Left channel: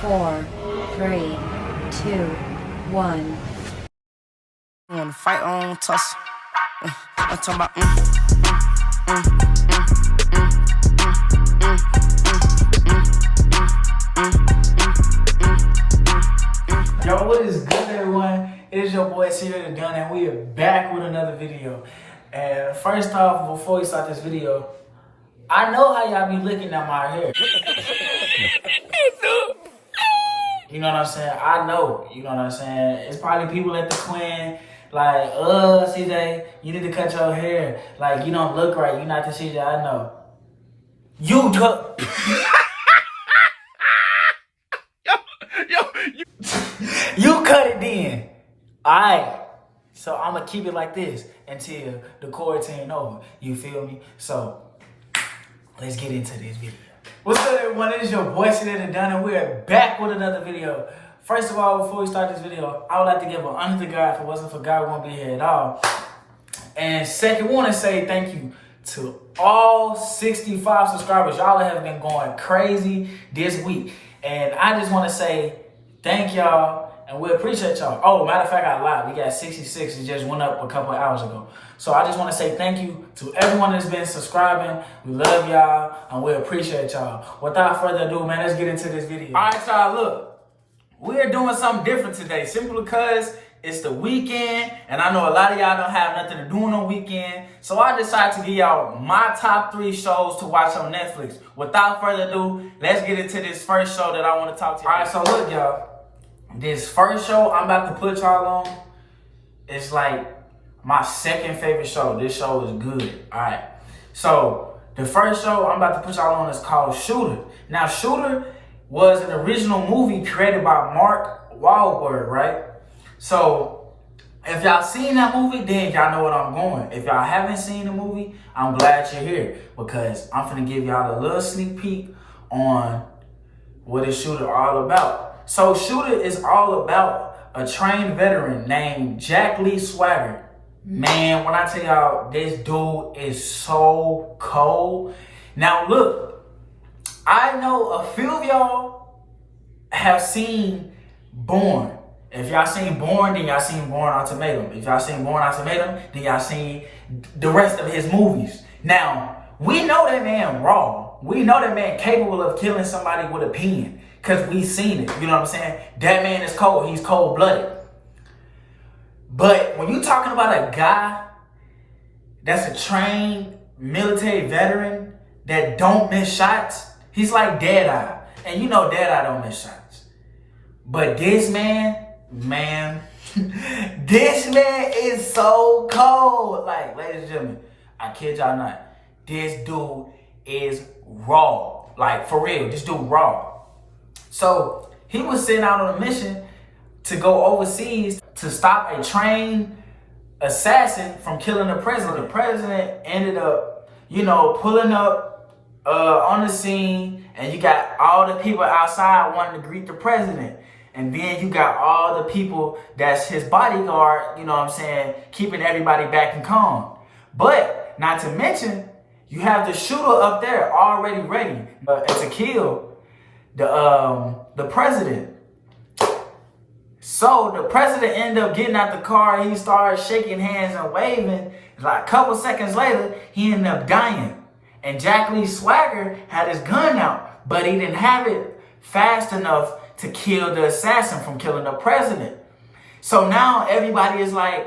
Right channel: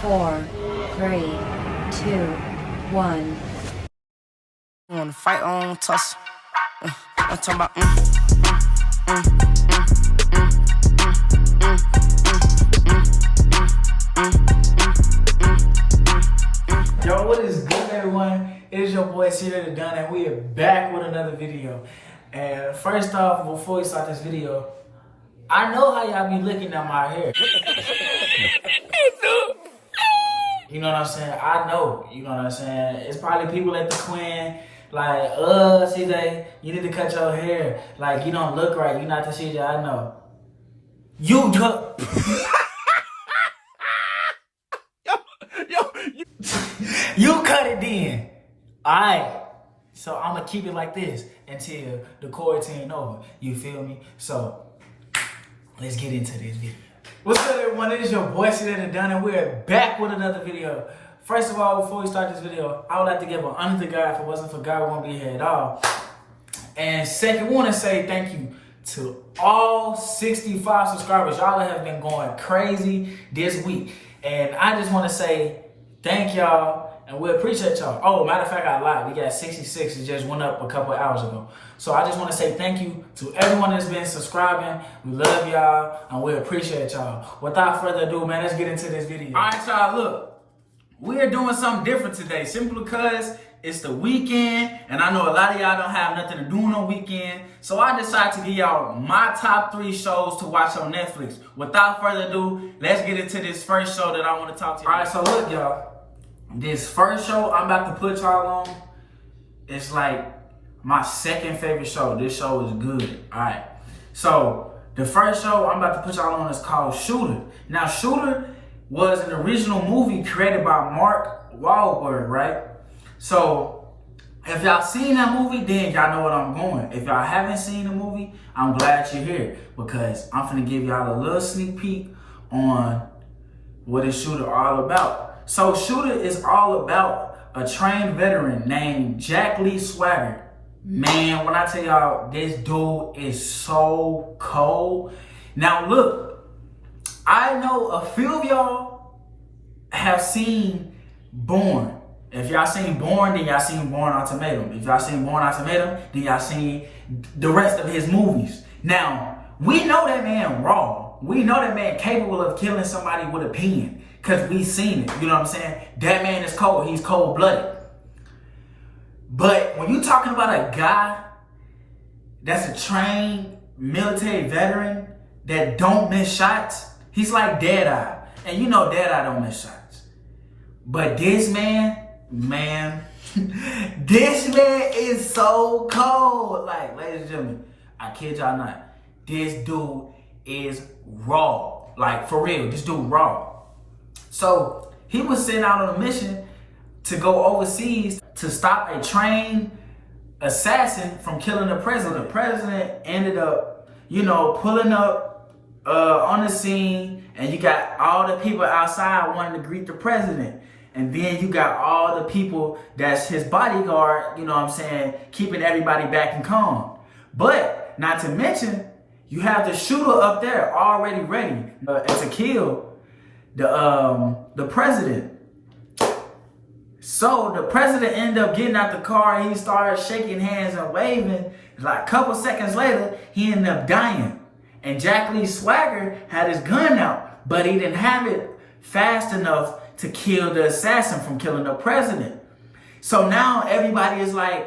4, 3, 2, 1. I wanna fight on tussle. I'm talking about Yo, what is good, everyone? It is your boy CJtheDon, and we are back with another video. And first off, before we start this video, I know how y'all be looking at my hair. You know what I'm saying? I know. You know what I'm saying? It's probably people at the Quinn, like, CJ, you need to cut your hair. Like, you don't look right. You're not the CJ I know. You cut it then. Alright. So I'm gonna keep it like this until the quarantine over. You feel me? So let's get into this video. What's up, everyone? It is your boy CJtheDon, and we're back with another video. First of all, before we start this video, I would like to give an honor to God. If it wasn't for God, we won't be here at all. And second, we want to say thank you to all 65 subscribers. Y'all have been going crazy this week. And I just want to say thank y'all, and we appreciate y'all. Oh, matter of fact, I lied. We got 66. It just went up a couple of hours ago. So I just want to say thank you to everyone that's been subscribing. We love y'all, and we appreciate y'all. Without further ado, man, let's get into this video. All right, y'all, look. We're doing something different today, simply because it's the weekend, and I know a lot of y'all don't have nothing to do on the weekend. So I decided to give y'all my top 3 shows to watch on Netflix. Without further ado, let's get into this first show that I want to talk to you. All right, so look, y'all. This first show I'm about to put y'all on, it's like my second favorite show. This show is good. All right. So the first show I'm about to put y'all on is called Shooter. Now, Shooter was an original movie created by Mark Wahlberg, right? So if y'all seen that movie, then y'all know what I'm going. If y'all haven't seen the movie, I'm glad you're here, because I'm finna give y'all a little sneak peek on what this Shooter all about. So Shooter is all about a trained veteran named Jack Lee Swagger. Man, when I tell y'all, this dude is so cold. Now look, I know a few of y'all have seen Born. If y'all seen Born, then y'all seen Born Ultimatum. If y'all seen Born Ultimatum, then y'all seen the rest of his movies. Now, we know that man raw. We know that man capable of killing somebody with a pen, because we seen it. You know what I'm saying? That man is cold. He's cold-blooded. But when you're talking about a guy that's a trained military veteran that don't miss shots, he's like Deadeye. And you know Deadeye don't miss shots. But this man, this man is so cold. Like, ladies and gentlemen, I kid y'all not. This dude is raw. Like, for real, this dude raw. So he was sent out on a mission to go overseas to stop a trained assassin from killing the president. The president ended up, pulling up on the scene, and you got all the people outside wanting to greet the president. And then you got all the people that's his bodyguard, keeping everybody back and calm. But not to mention, you have the shooter up there already ready to kill the president. So the president ended up getting out the car, and he started shaking hands and waving. Like a couple seconds later, he ended up dying. And Jack Lee Swagger had his gun out, but he didn't have it fast enough to kill the assassin from killing the president. So now everybody is like,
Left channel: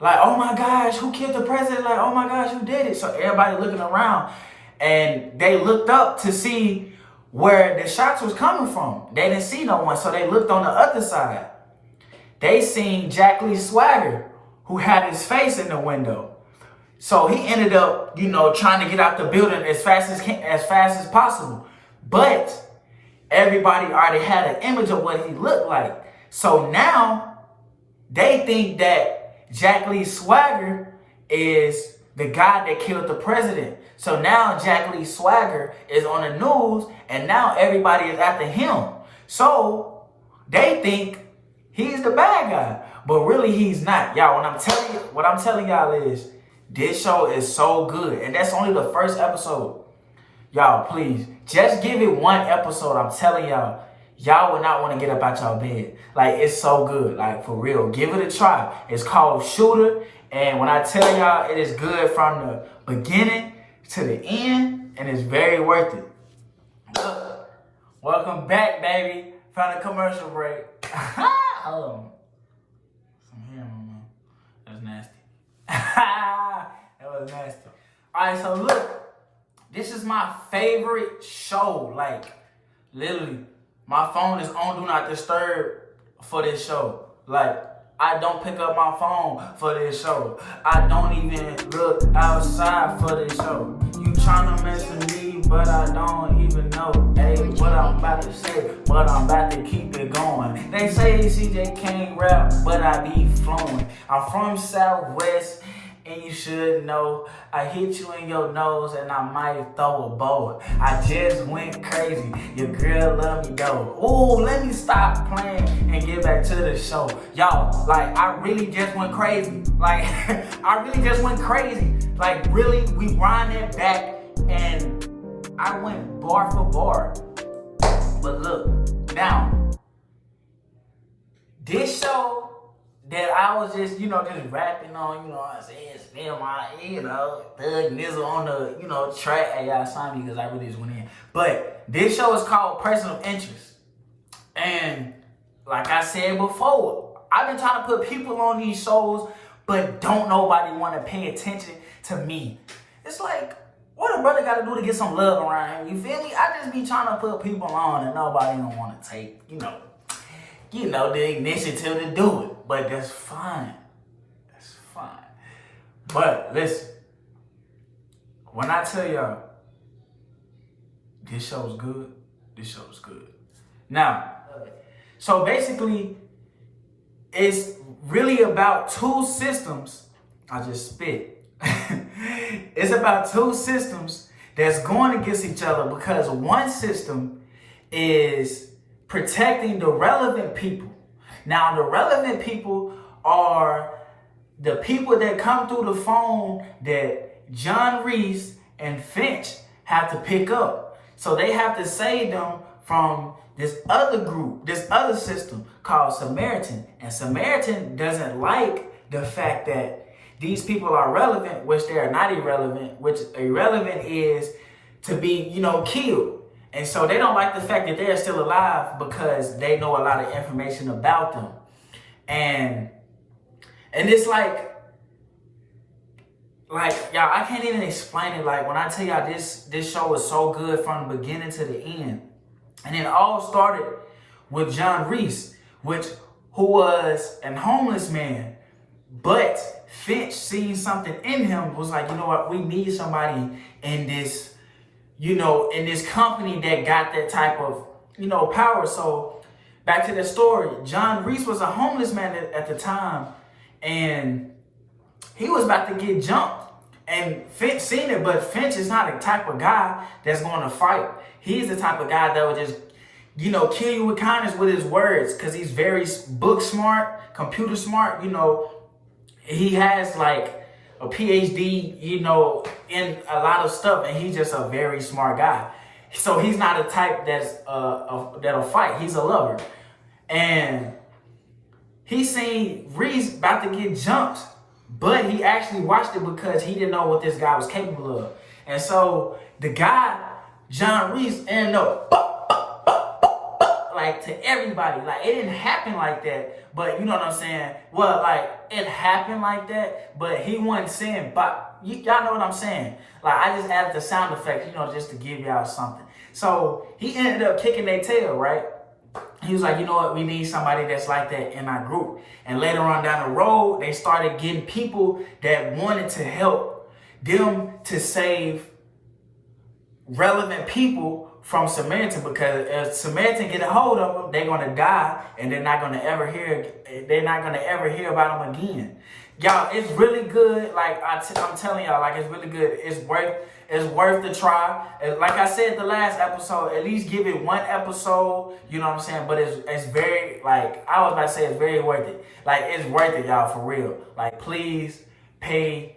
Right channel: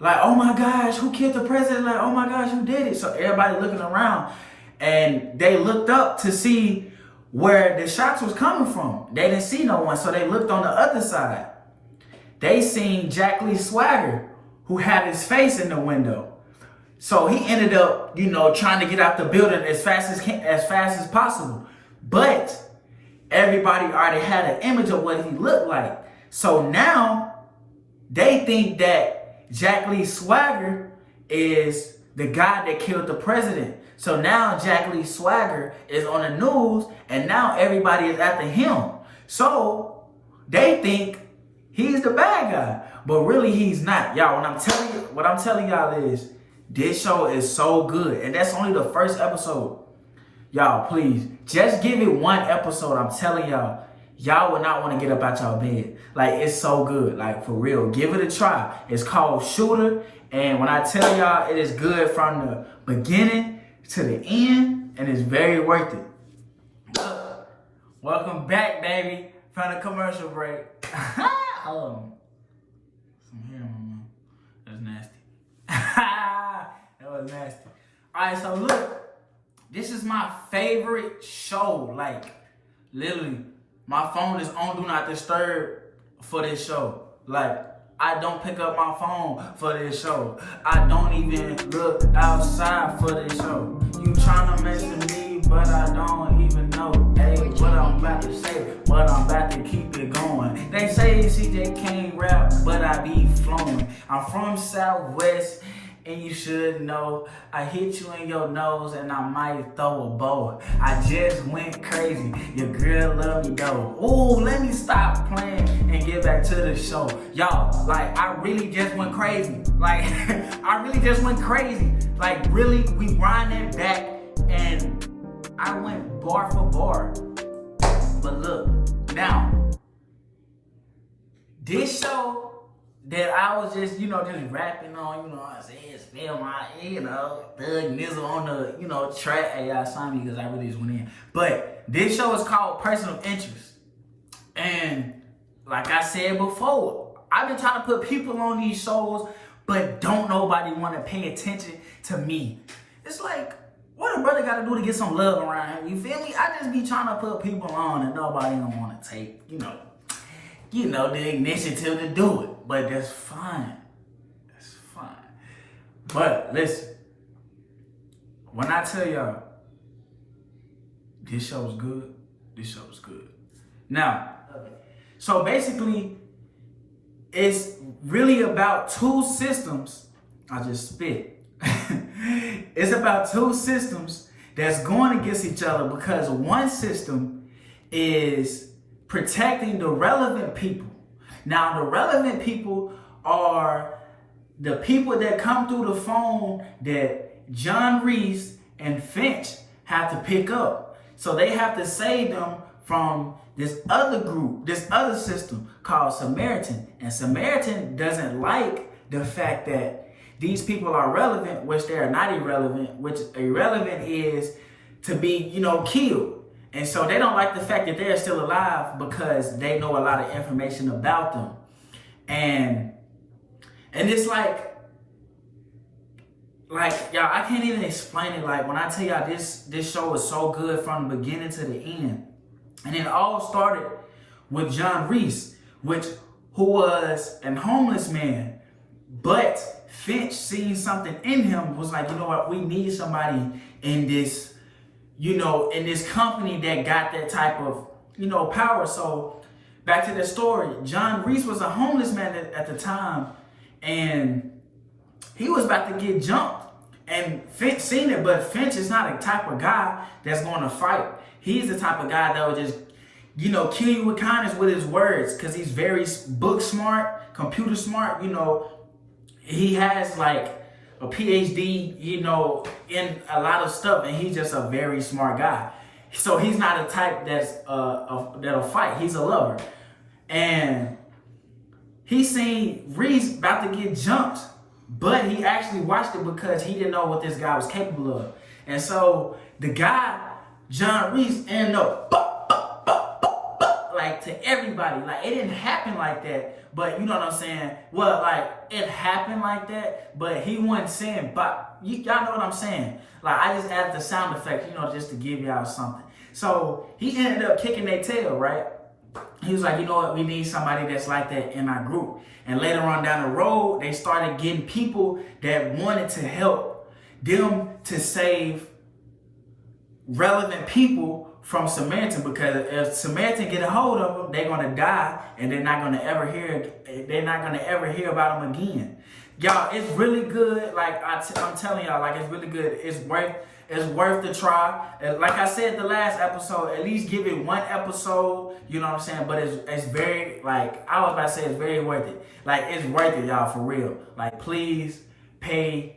oh my gosh, who killed the president? Like, oh my gosh, who did it? So everybody looking around, and they looked up to see where the shots was coming from. They didn't see no one, so they looked on the other side. They seen Jack Lee Swagger, who had his face in the window. So he ended up, trying to get out the building as fast as possible. But everybody already had an image of what he looked like. So now they think that Jack Lee Swagger is the guy that killed the president. So now Jack Lee Swagger is on the news, and now everybody is after him. So they think he's the bad guy, but really he's not. Y'all, what I'm telling y'all is this show is so good, and that's only the first episode. Y'all, please, just give it one episode. I'm telling y'all, y'all would not want to get up out y'all bed. Like, it's so good. Like, for real. Give it a try. It's called Shooter. And when I tell y'all, it is good from the beginning to the end. And it's very worth it. Welcome back, baby. Found a commercial break. Some hair on there. That's nasty. That was nasty. Alright, so look. This is my favorite show. Like, literally, my phone is on Do Not Disturb for this show. Like, I don't pick up my phone for this show. I don't even look outside for this show. You tryna mess with me, but I don't even know. Hey, what I'm about to say, but I'm about to keep it going. They say CJ can't rap, but I be flowing. I'm from Southwest, and you should know. I hit you in your nose and I might throw a bow. I just went crazy. Your girl love me though. Ooh, let me stop playing and get back to the show. Y'all, like, I really just went crazy. Like, I really just went crazy. Like, really, we rinding back and I went bar for bar. But look, now, this show that I was just, just rapping on, what I'm saying, spell my, thug nizzle on the, track. Hey, y'all saw me because I really just went in. But this show is called Person of Interest. And like I said before, I've been trying to put people on these shows, but don't nobody want to pay attention to me. It's like, what a brother got to do to get some love around here? You feel me? I just be trying to put people on and nobody don't want to take, the initiative to do it. But that's fine. That's fine. But listen, when I tell y'all, this show is good, this show is good. Now, so basically, it's really about two systems. I just spit. It's about two systems that's going against each other because one system is protecting the relevant people. Now, the relevant people are the people that come through the phone that John Reese and Finch have to pick up. So they have to save them from this other group, this other system called Samaritan. And Samaritan doesn't like the fact that these people are relevant, which they are not irrelevant, which irrelevant is to be, killed. And so they don't like the fact that they're still alive because they know a lot of information about them. And it's like y'all, I can't even explain it. Like, when I tell y'all this show is so good from the beginning to the end. And it all started with John Reese, who was a homeless man. But Finch seen something in him, was like, you know what, we need somebody in this in this company that got that type of, power. So back to the story, John Reese was a homeless man at the time, and he was about to get jumped. And Finch seen it, but Finch is not a type of guy that's going to fight. He's the type of guy that will just, kill you with kindness with his words, because he's very book smart, computer smart. He has like a PhD, in a lot of stuff, and he's just a very smart guy. So he's not a type that'll fight. He's a lover. And he seen Reese about to get jumped, but he actually watched it because he didn't know what this guy was capable of. And so the guy, John Reese, ended up like to everybody. Like, it didn't happen like that, but you know what I'm saying? Well, like, it happened like that, but he wasn't saying, but y'all know what I'm saying. Like, I just added the sound effect, just to give y'all something. So he ended up kicking their tail, right? He was like, you know what? We need somebody that's like that in our group. And later on down the road, they started getting people that wanted to help them to save relevant people from Samaritan, because if Samaritan get a hold of them, they're gonna die, and they're not gonna ever hear about them again. Y'all, it's really good. Like I'm telling y'all, like, it's really good. It's worth the try. And like I said the last episode, at least give it one episode. You know what I'm saying? But it's very, like I was about to say, it's very worth it. Like, it's worth it, y'all, for real. Like, please pay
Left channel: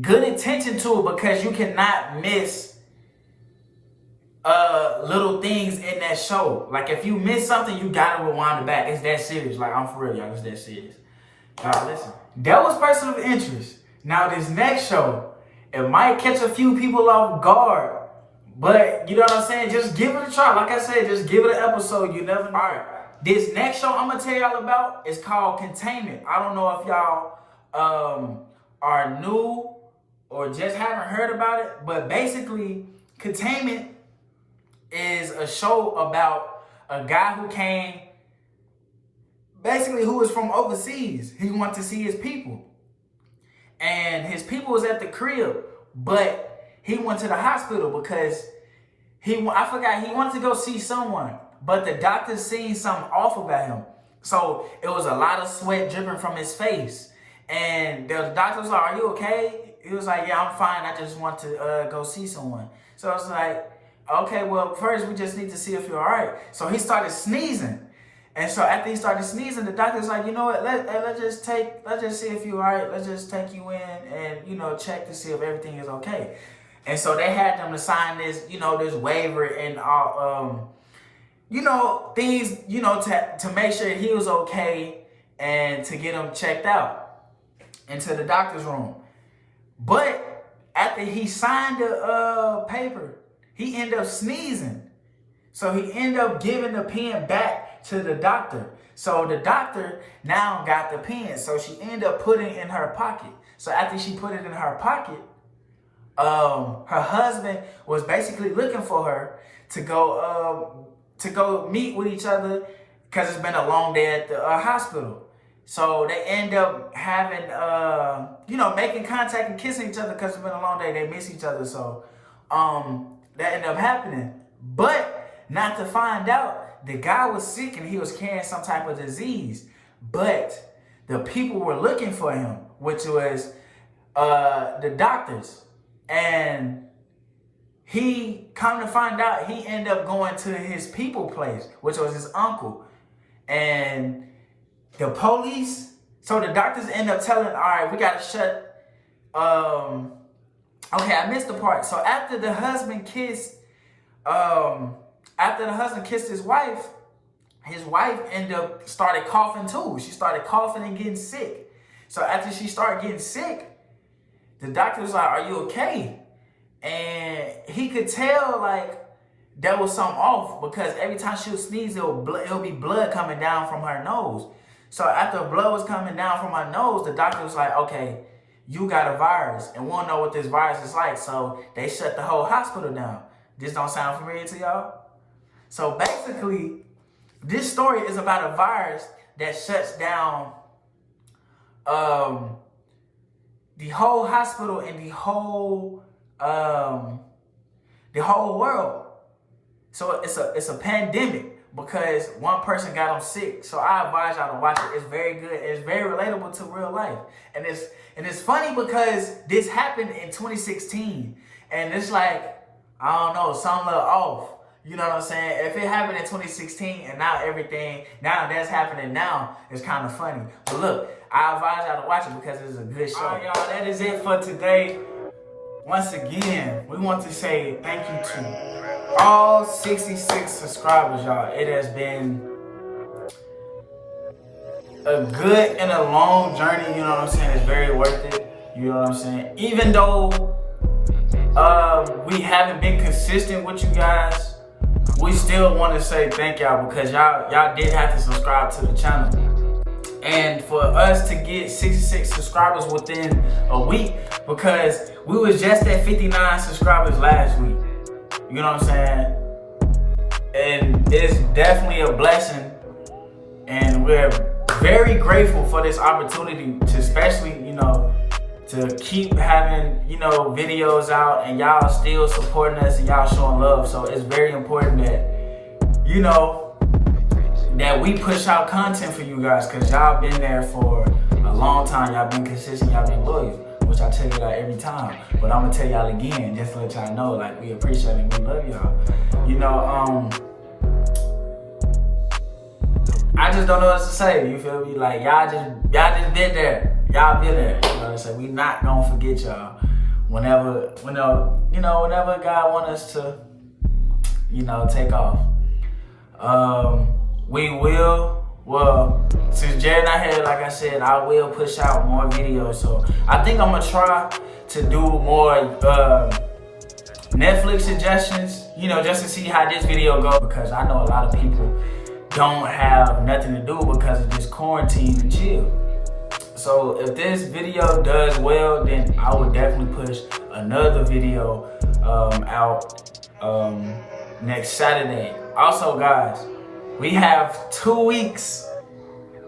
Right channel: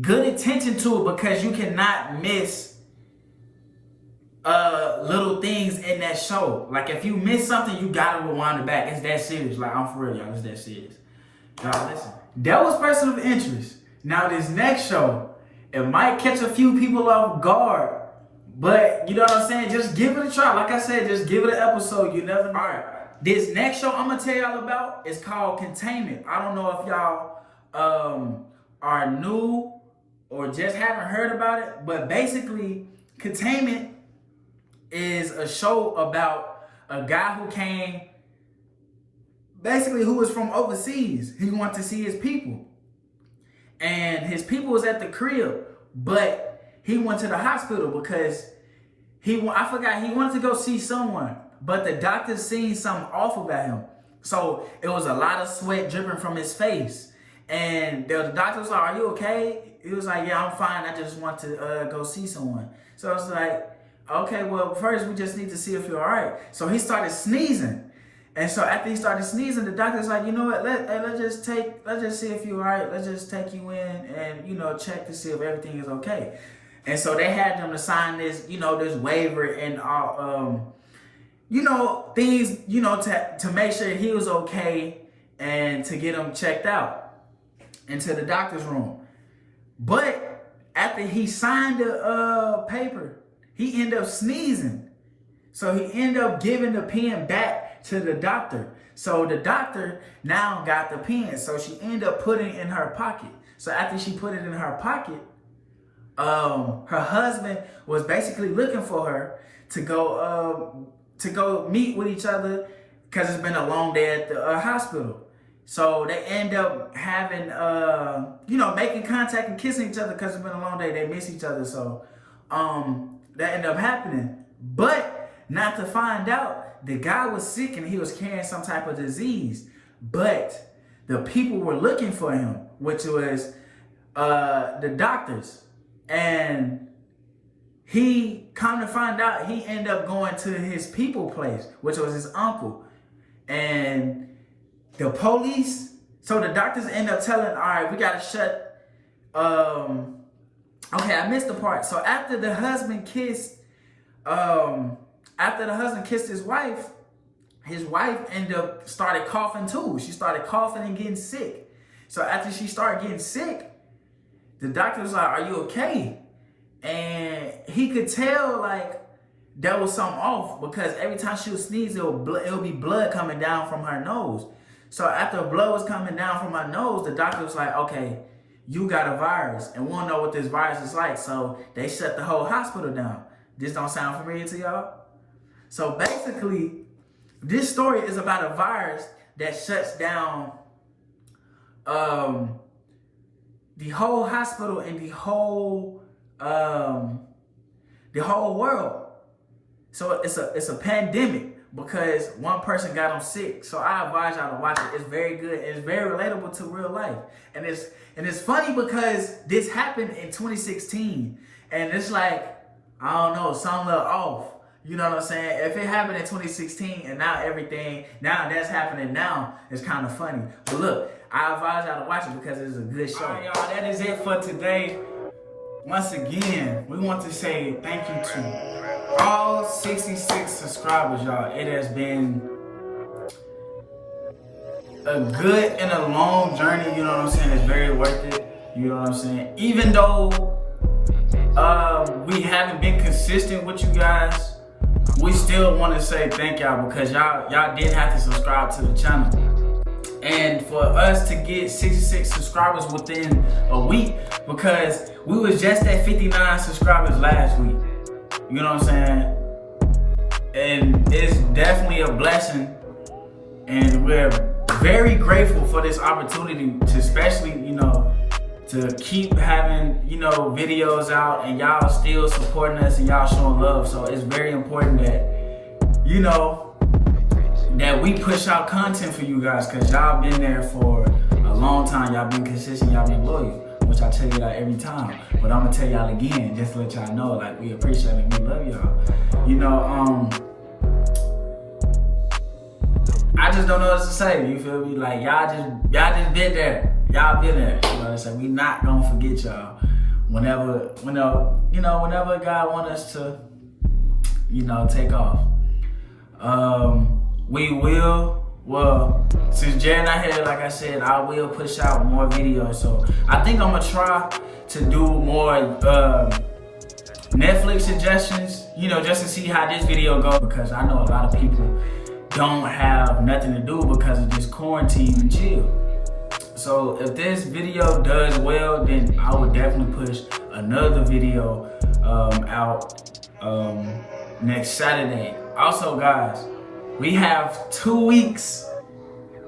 good attention to it, because you cannot miss little things in that show. Like if you miss something, you gotta rewind it back. It's that serious. Like I'm for real, y'all. It's that serious. Now listen, that was person of interest. Now this next show, it might catch a few people off guard, but you know what I'm saying? Just give it a try. Like I said, just give it an episode. You never know. All right. This next show I'm gonna tell y'all about is called Containment. I don't know if y'all are new or just haven't heard about it, but basically Containment is a show about a guy who came, basically who was from overseas. He wanted to see his people. And his people was at the crib, but he went to the hospital because he wanted to go see someone, but the doctor seen something off about him. So it was a lot of sweat dripping from his face. And the doctor was like, "Are you okay?" He was like, "Yeah, I'm fine. I just want to go see someone." So I was like, "Okay, well, first we just need to see if you're all right." So he started sneezing. And so after he started sneezing, the doctor's like, "You know what, let's just see if you're all right. Let's just take you in and, you know, check to see if everything is okay." And so they had them to sign this, you know, this waiver and you know, things, you know, to make sure he was okay and to get him checked out into the doctor's room. But after he signed the paper, he ended up sneezing. So he ended up giving the pen back to the doctor. So the doctor now got the pen. So she ended up putting it in her pocket. So after she put it in her pocket, her husband was basically looking for her to go meet with each other because it's been a long day at the hospital. So they end up having, you know, making contact and kissing each other because it's been a long day. They miss each other. So that ended up happening. But not to find out, the guy was sick and he was carrying some type of disease. But the people were looking for him, which was the doctors. And he, come to find out, he ended up going to his people place, which was his uncle. And the police, so the doctors end up telling, all right, we got to shut, okay, I missed the part. So after the husband kissed his wife ended up started coughing too. She started coughing and getting sick. So after she started getting sick, the doctor was like, "Are you okay?" And he could tell like there was something off because every time she would sneeze, it'll be blood coming down from her nose. So after blood was coming down from her nose, the doctor was like, "Okay, you got a virus and we don't know what this virus is like." So they shut the whole hospital down. This don't sound familiar to y'all? So basically, this story is about a virus that shuts down the whole hospital and the whole world. So it's a pandemic because one person got them sick. So I advise y'all to watch it. It's very good. It's very relatable to real life. And it's funny because this happened in 2016. And it's like, I don't know, something a little off. You know what I'm saying? If it happened in 2016 and now that's happening now, it's kind of funny. But look, I advise y'all to watch it because it's a good show. All right, y'all, that is it for today. Once again, we want to say thank you to all 66 subscribers, y'all. It has been a good and a long journey, you know what I'm saying? It's very worth it, you know what I'm saying? Even though we haven't been consistent with you guys, we still want to say thank y'all because y'all did have to subscribe to the channel. And for us to get 66 subscribers within a week, because we was just at 59 subscribers last week. You know what I'm saying? And it's definitely a blessing. And we're very grateful for this opportunity to especially, you know, to keep having, you know, videos out and y'all still supporting us and y'all showing love. So it's very important that, you know, that we push out content for you guys because y'all been there for a long time. Y'all been consistent, y'all been loyal, which I tell you that every time. But I'm gonna tell y'all again, just to let y'all know, like, we appreciate it, we love y'all. You know, I just don't know what to say, you feel me? Like, y'all just been there. Y'all been there. You know what I'm saying? We not gonna forget y'all. Whenever God want us to take off. We will, since Jared not here, like I said, I will push out more videos. So I think I'm gonna try to do more Netflix suggestions, just to see how this video goes, because I know a lot of people don't have nothing to do because of this quarantine and chill. So if this video does well, then I would definitely push another video out next Saturday. Also, guys, we have 2 weeks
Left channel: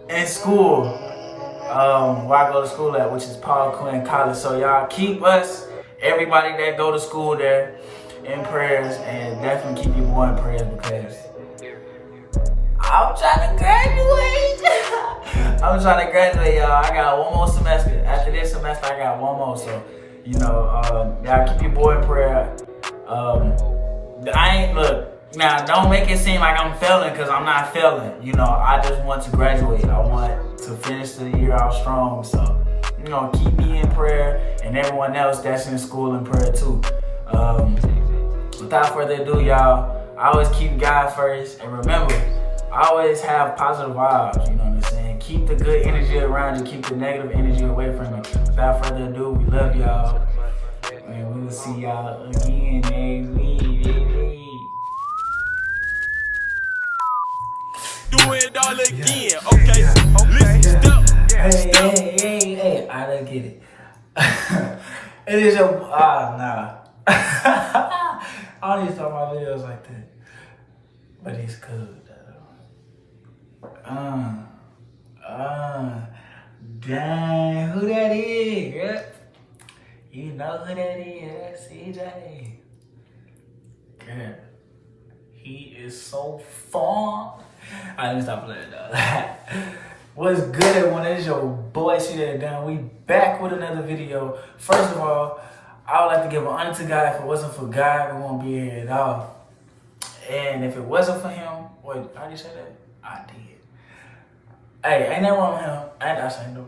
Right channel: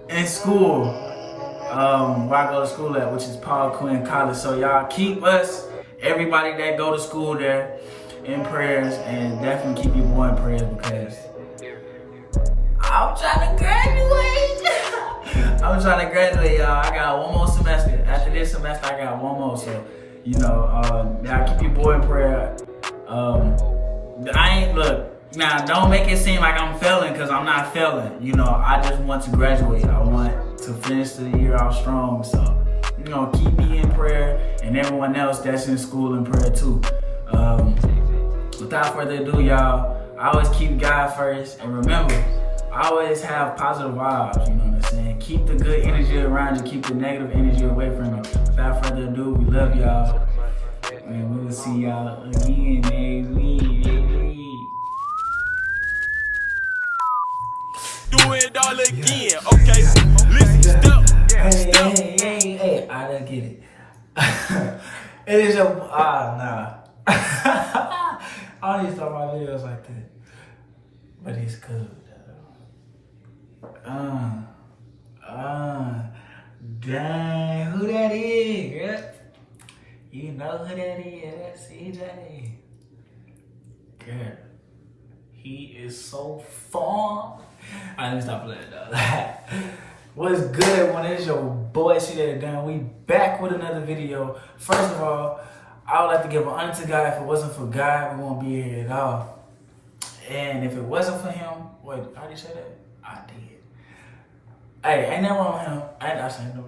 in school where I go to school at, which is Paul Quinn College. So y'all keep us, everybody that go to school there, in prayers, and definitely keep your boy in prayers, because I'm trying to graduate. I'm trying to graduate, y'all. I got one more semester. After this semester, I got one more. So, y'all keep your boy in prayer. Now don't make it seem like I'm failing, because I'm not failing. I just want to graduate. I want to finish the year out strong. So, keep me in prayer, and everyone else that's in school in prayer too. Without further ado, y'all, I always keep God first, and remember, I always have positive vibes, you know what I'm saying? Keep the good energy around you, keep the negative energy away from you. Without further ado, we love y'all, and we will see y'all again next week. Do it all again, okay? Listen, step. Hey, I didn't get it. It is your, nah. I don't need to start my videos like that. But it's cool, though. Dang, who that is, girl? You know who that is, that's CJ. Girl, he is so fun. I didn't stop playing, though. What's good, everyone? It's your boy, CJtheDon. We back with another video. First of all, I would like to give an honor to God. If it wasn't for God, we won't be here at all. And if it wasn't for him, wait, how do you say that? I did. Hey, ain't nothing wrong with him. I saying no.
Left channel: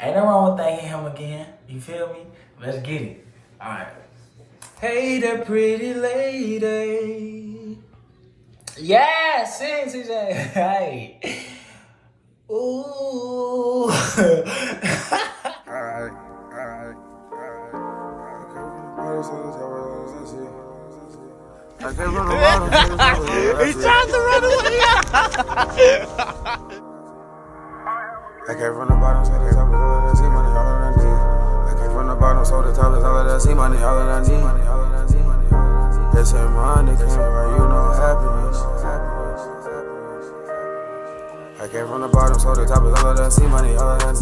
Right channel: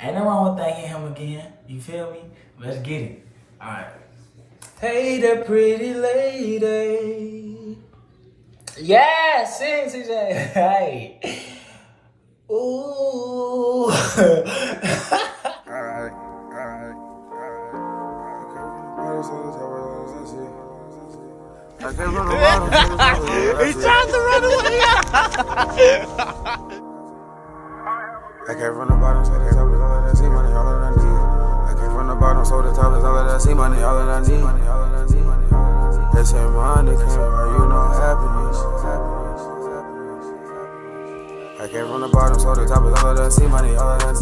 Ain't nothing wrong with thanking him again. You feel me? Let's get it. All right. Hey, the pretty lady. Yeah, sing, CJ. Hey. Ooh. Alright. He's trying to run away. I came from the bottom, so the top is all that I see money, all that I need. I came from the bottom, so the top is all that I see money, all that I need. They say money came where happiness. I came from the bottom, so the top is all that I see money, all that I need.